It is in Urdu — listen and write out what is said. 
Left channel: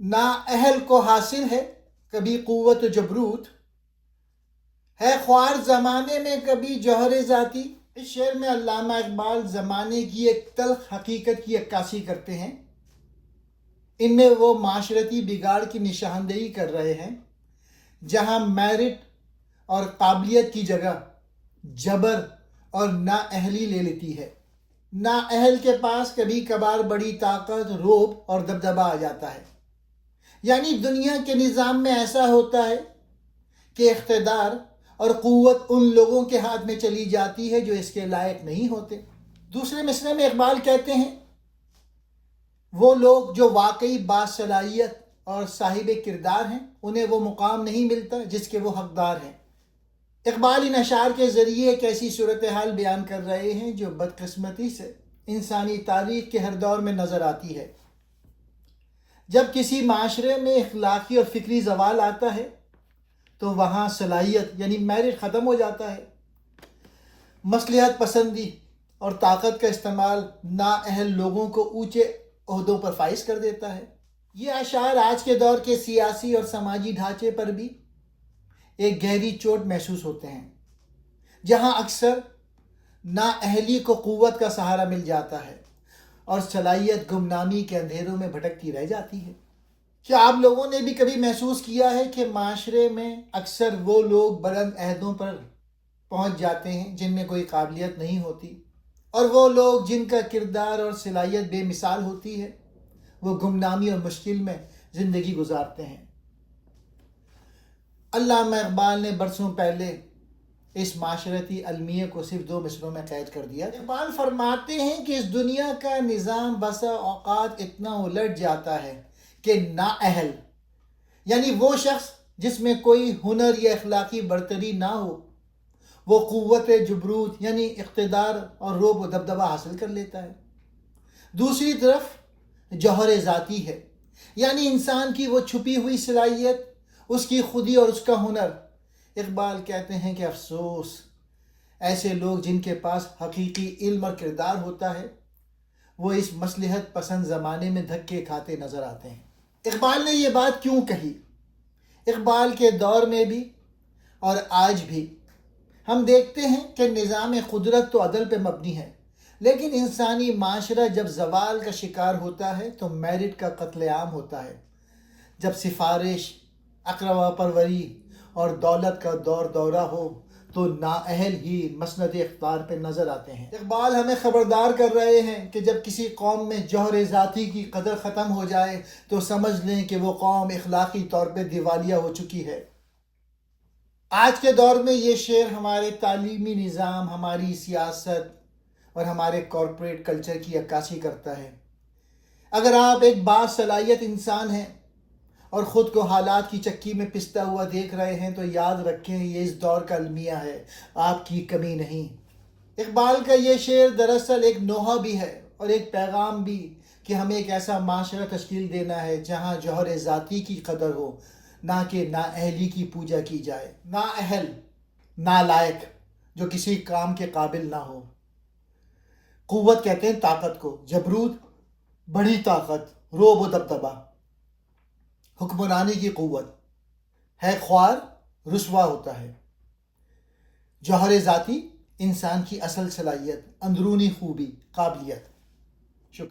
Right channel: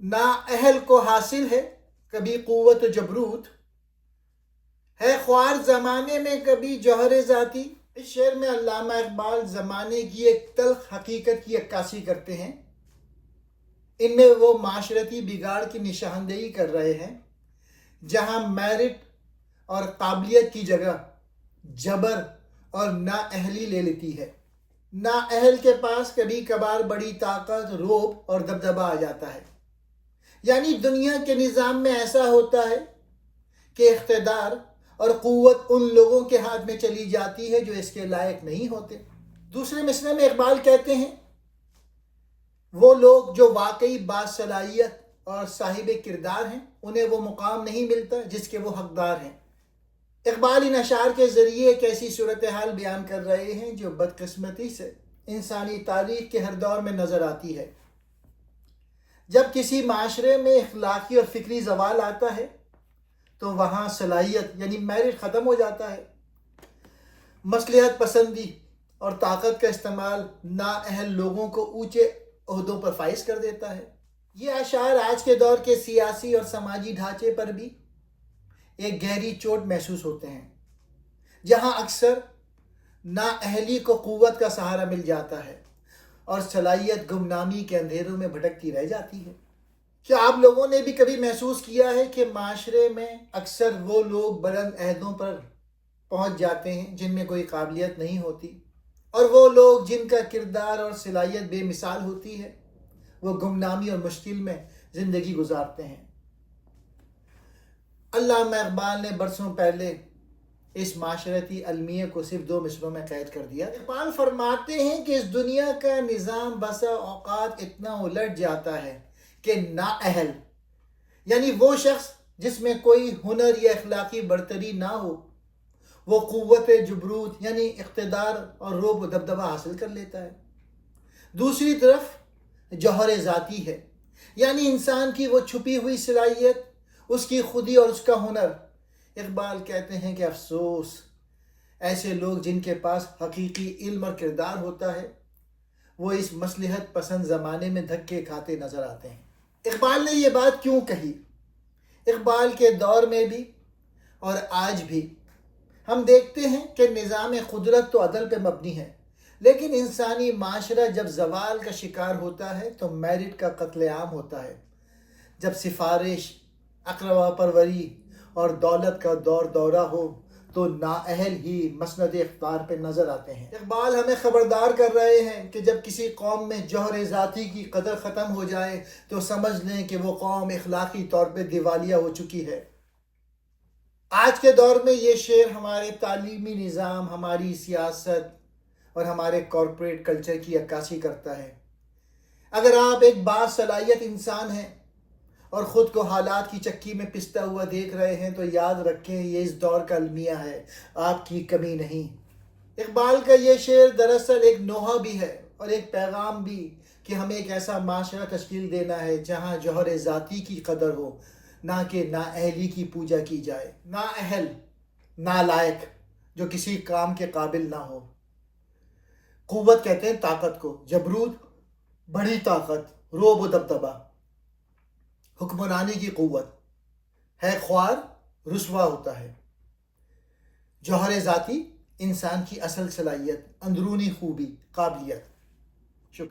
نااہل کو حاصل ہے کبھی قوت و جبروت، ہے خوار زمانے میں کبھی جوہر ذاتی۔ اس شعر میں علامہ اقبال زمانے کی ایک تلخ حقیقت کی عکاسی کرتے ہیں۔ ان میں وہ معاشرتی بگاڑ کی نشاندہی کر رہے ہیں جہاں میرٹ اور قابلیت کی جگہ جبر اور نااہلی لے لیتی ہے۔ نااہل کے پاس کبھی کبھار بڑی طاقت، رعب اور دبدبہ آ جاتا ہے۔ یعنی دنیا کے نظام میں ایسا ہوتا ہے کہ اقتدار اور قوت ان لوگوں کے ہاتھ میں چلی جاتی ہے جو اس کے لائق نہیں ہوتے۔ دوسرے مصرعے میں اقبال کہتے ہیں وہ لوگ جو واقعی باصلاحیت اور صاحب کردار ہیں انہیں وہ مقام نہیں ملتا جس کے وہ حقدار ہیں۔ اقبال ان اشعار کے ذریعے ایک ایسی صورتحال بیان کر رہے ہیں جو بدقسمتی سے انسانی تاریخ کے ہر دور میں نظر آتی ہے۔ جب کسی معاشرے میں اخلاقی اور فکری زوال آتا ہے تو وہاں صلاحیت یعنی میرٹ ختم ہو جاتا ہے۔ مصلحت پسندی اور طاقت کا استعمال نااہل لوگوں کو اونچے عہدوں پر فائز کر دیتا ہے۔ یہ اشعار آج کے دور کے سیاسی اور سماجی ڈھانچے پر بھی ایک گہری چوٹ محسوس ہوتے ہیں، جہاں اکثر نااہلی کو قوت کا سہارا مل جاتا ہے اور صلاحیت گمنامی کے اندھیروں میں بھٹکتی رہ جاتی ہے۔ کیا آپ لوگوں نے بھی کبھی محسوس کیا ہے کہ معاشرے میں اکثر وہ لوگ بلند عہدوں پر پہنچ جاتے ہیں جن میں کوئی قابلیت نہیں ہوتی، اور وہ لوگ جن کا کردار اور صلاحیت بے مثال ہوتی ہے وہ گمنامی اور مشکل میں زندگی گزارتے ہیں۔ علامہ اقبال نے برسوں پہلے اس معاشرتی المیہ کو صرف 2 مصروں میں قید کر دیا۔ اقبال فرماتے ہیں کہ اس دنیا کا نظام بسا اوقات اتنا الٹ جاتا ہے کہ نااہل یعنی وہ شخص جس میں کوئی ہنر یا اخلاقی برتری نہ ہو وہ قوت جبروت یعنی اقتدار اور رعب و دبدبہ حاصل کر لیتا ہے۔ دوسری طرف جوہر ذاتی ہے، یعنی انسان کی وہ چھپی ہوئی صلاحیت، اس کی خودی اور اس کا ہنر۔ اقبال کہتے ہیں کہ افسوس، ایسے لوگ جن کے پاس حقیقی علم اور کردار ہوتا ہے وہ اس مصلحت پسند زمانے میں دھکے کھاتے نظر آتے ہیں۔ اقبال نے یہ بات کیوں کہی؟ اقبال کے دور میں بھی اور آج بھی ہم دیکھتے ہیں کہ نظام قدرت تو عدل پہ مبنی ہے، لیکن انسانی معاشرہ جب زوال کا شکار ہوتا ہے تو میرٹ کا قتل عام ہوتا ہے۔ جب سفارش، اقربا پروری اور دولت کا دورہ ہو تو نااہل ہی مسند اقتدار پہ نظر آتے ہیں۔ اقبال ہمیں خبردار کر رہے ہیں کہ جب کسی قوم میں جوہر ذاتی کی قدر ختم ہو جائے تو سمجھ لیں کہ وہ قوم اخلاقی طور پہ دیوالیہ ہو چکی ہے۔ آج کے دور میں یہ شعر ہمارے تعلیمی نظام، ہماری سیاست اور ہمارے کارپوریٹ کلچر کی عکاسی کرتا ہے۔ اگر آپ ایک باصلاحیت انسان ہیں اور خود کو حالات کی چکی میں پستا ہوا دیکھ رہے ہیں تو یاد رکھیں یہ اس دور کا المیہ ہے، آپ کی کمی نہیں۔ اقبال کا یہ شعر دراصل ایک نوحہ بھی ہے اور ایک پیغام بھی کہ ہمیں ایک ایسا معاشرہ تشکیل دینا ہے جہاں جوہر ذاتی کی قدر ہو، نہ کہ نااہلی کی پوجا کی جائے۔ نااہل، نالائق، جو کسی کام کے قابل نہ ہو۔ قوت کہتے ہیں طاقت کو، جبروت بڑی طاقت، رعب و دبدبہ، حکمرانی کی قوت، ہے خوار رسوا ہوتا ہے۔ جوہر ذاتی انسان کی اصل صلاحیت، اندرونی خوبی، قابلیت۔